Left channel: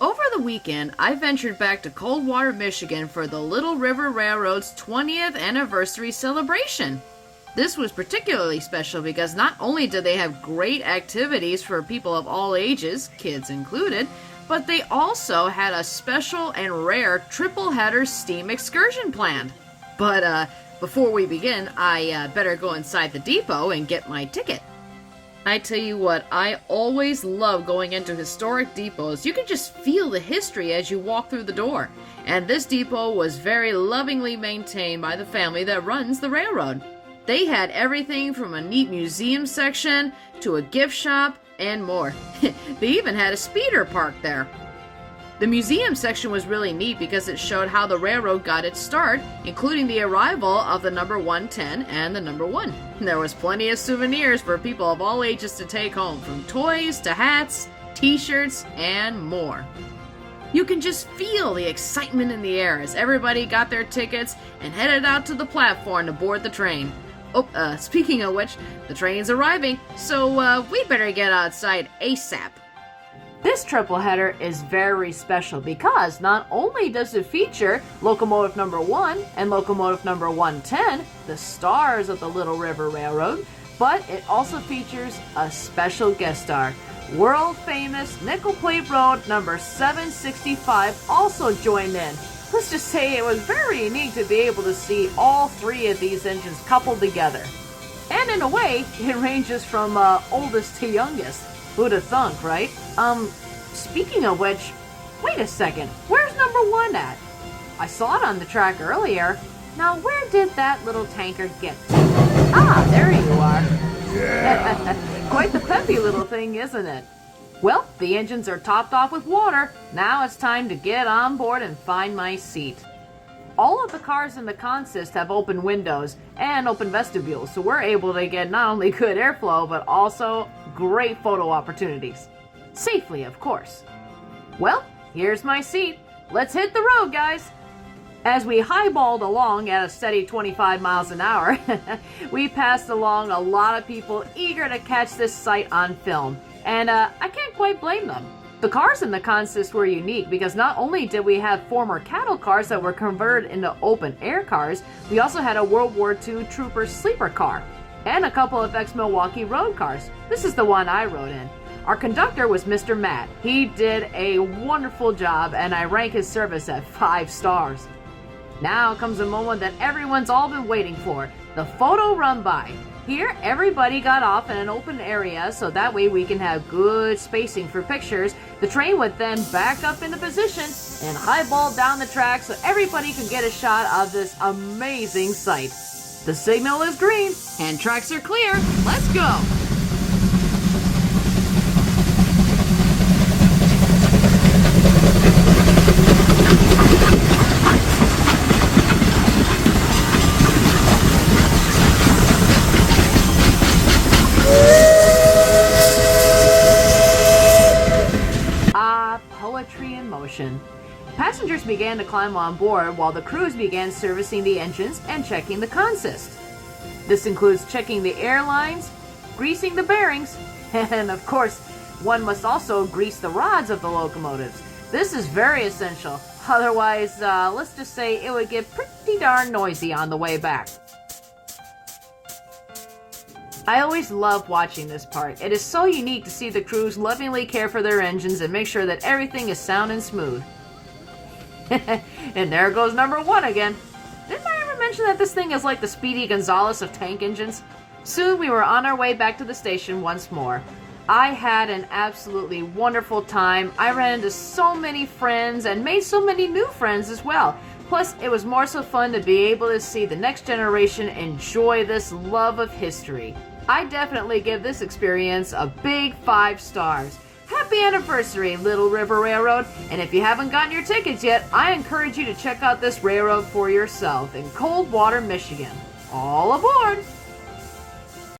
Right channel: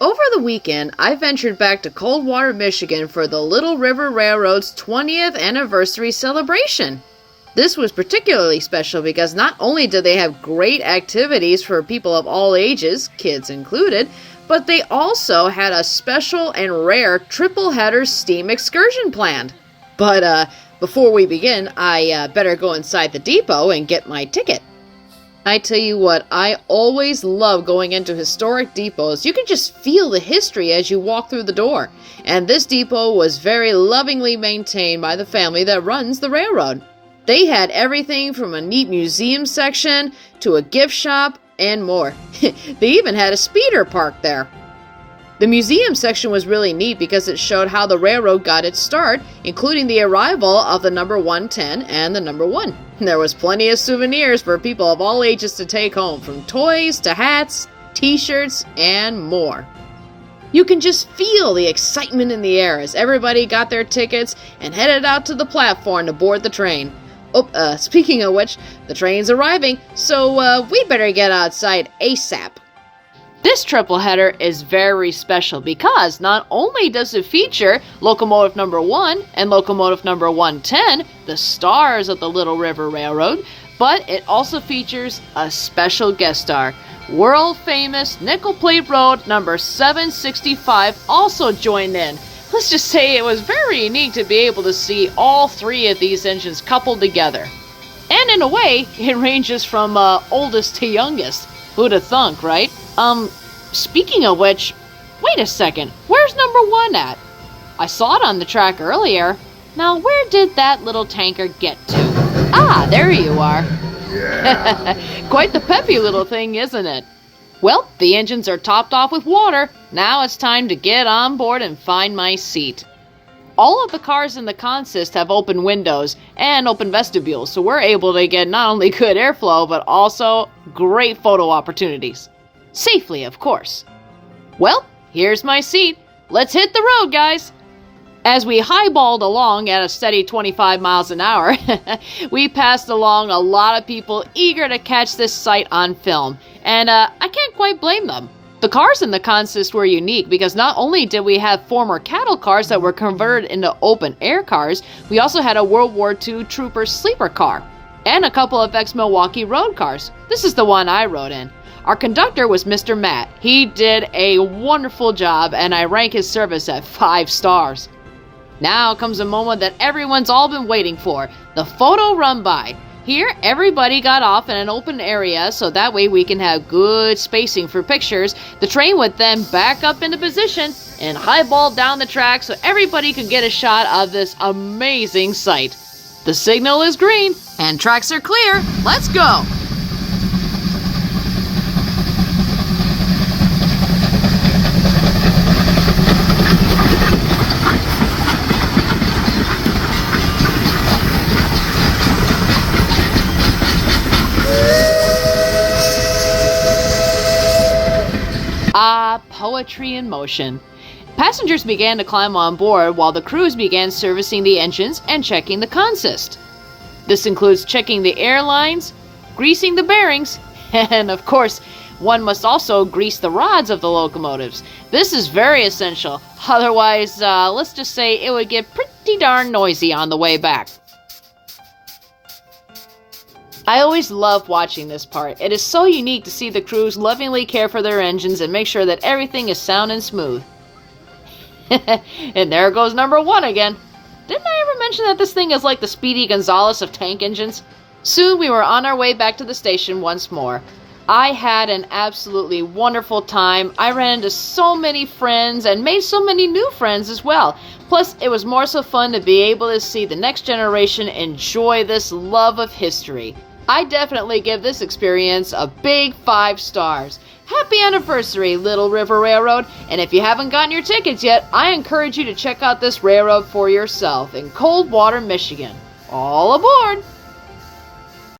Over the weekend, I ventured back to Coldwater, Michigan for the Little River Railroad's 20th anniversary celebration. This was particularly special because not only did they have great activities for people of all ages, kids included, but they also had a special and rare Tripleheader steam excursion planned. But before we begin, I better go inside the depot and get my ticket. I tell you what, I always love going into historic depots. You can just feel the history as you walk through the door. And this depot was very lovingly maintained by the family that runs the railroad. They had everything from a neat museum section to a gift shop and more. They even had a speeder park there. The museum section was really neat because it showed how the railroad got its start, including the arrival of the number 110 and the number 1. There was plenty of souvenirs for people of all ages to take home, from toys to hats, t-shirts, and more. You can just feel the excitement in the air as everybody got their tickets and headed out to the platform to board the train. Oh, speaking of which, the train's arriving, so we better get outside ASAP. This tripleheader is very special because not only does it feature locomotive number 1 and locomotive number 110, the stars of the Little River Railroad, but it also features a special guest star. World famous nickel plate road number 765 also joined in. Let's just say it was very unique to be able to see all three of these engines coupled together. And in a way, it ranges from oldest to youngest. Who'd have thunk, right? Speaking of which, wait a second, where's number 1 at? I saw it on the track earlier. Now, where did that little tanker get to? Ah, there you are. Yeah. Quite the peppy little thing, isn't it? Well, the engines are topped off with water. Now it's time to get on board and find my seat. All of the cars in the consist have open windows and open vestibules, so we're able to get not only good airflow, but also great photo opportunities. Safely, of course. Well, here's my seat. Let's hit the road, guys. As we highballed along at a steady 25 miles an hour, we passed along a lot of people eager to catch this sight on film, and I can't quite blame them. The cars in the consist were unique because not only did we have former cattle cars that were converted into open-air cars, we also had a World War II trooper sleeper car, and a couple of ex-Milwaukee road cars. This is the one I rode in. Our conductor was Mr. Matt. He did a wonderful job, and I rank his service at 5 stars. Now comes a moment that everyone's all been waiting for, the photo run-by. Here, everybody got off in an open area, so that way we can have good spacing for pictures. The train would then back up into position and highball down the track so everybody could get a shot of this amazing sight. The signal is green, and tracks are clear. Let's go! Poetry in motion. Passengers began to climb on board while the crews began servicing the engines and checking the consist. This includes checking the airlines, greasing the bearings, and of course, one must also grease the rods of the locomotives. This is very essential, otherwise, let's just say it would get pretty darn noisy on the way back. I always love watching this part. It is so unique to see the crews lovingly care for their engines and make sure that everything is sound and smooth. And there goes number 1 again. Didn't I ever mention that this thing is like the Speedy Gonzales of tank engines? Soon we were on our way back to the station once more. I had an absolutely wonderful time. I ran into so many friends and made so many new friends as well. Plus, it was more so fun to be able to see the next generation enjoy this love of history. I definitely give this experience a big 5 stars. Happy anniversary, Little River Railroad, and if you haven't gotten your tickets yet, I encourage you to check out this railroad for yourself in Coldwater, Michigan. All aboard!